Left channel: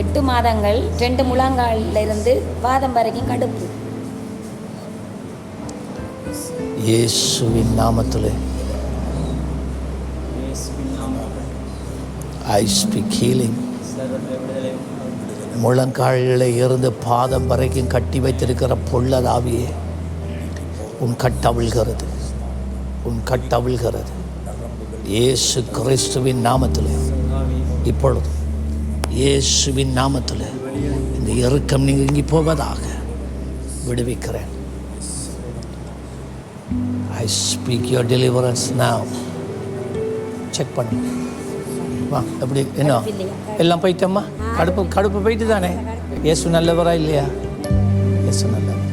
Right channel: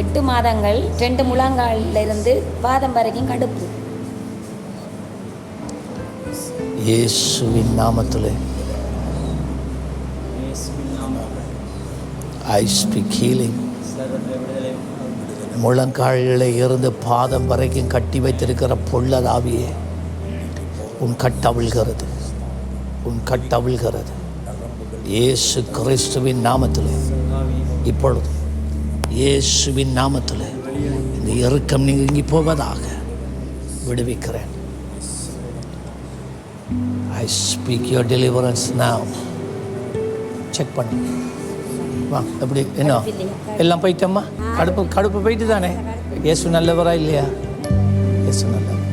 எட்டு மாதங்கள் ரெண்டு முழங்கால்ல இருந்து பாதம் வரைக்கும் கடுப்பு. இயேசுவின் நாமத்தில். ஐ ஸ்பீக் ஹீலிங் முழங்காலில் இருந்து பாதம் வரைக்கும் கட்டி வைத்திருக்கிற பொள்ளதாவியே உன் கட்டவிழ்கிறது உன் கட்டவிழ்கிறது இயேசு கிறிஸ்துவின் நாமத்தில். இப்பொழுது. இயேசுவின் நாமத்தில் இந்த இறுக்கம் நீங்கி போவதாக விடுவிக்கிறேன். ஐ ஸ்பீக் யுவர் டெலிவரன்ஸ் நான் செக் பண்ணு வா எப்படி என்ன? எல்லாம் போயிட்டம்மா கடுப்பு கடுப்பு போயிட்டு தானே? இயேசு நல்லவரா இல்லையா? இயேசு நல்லவர்.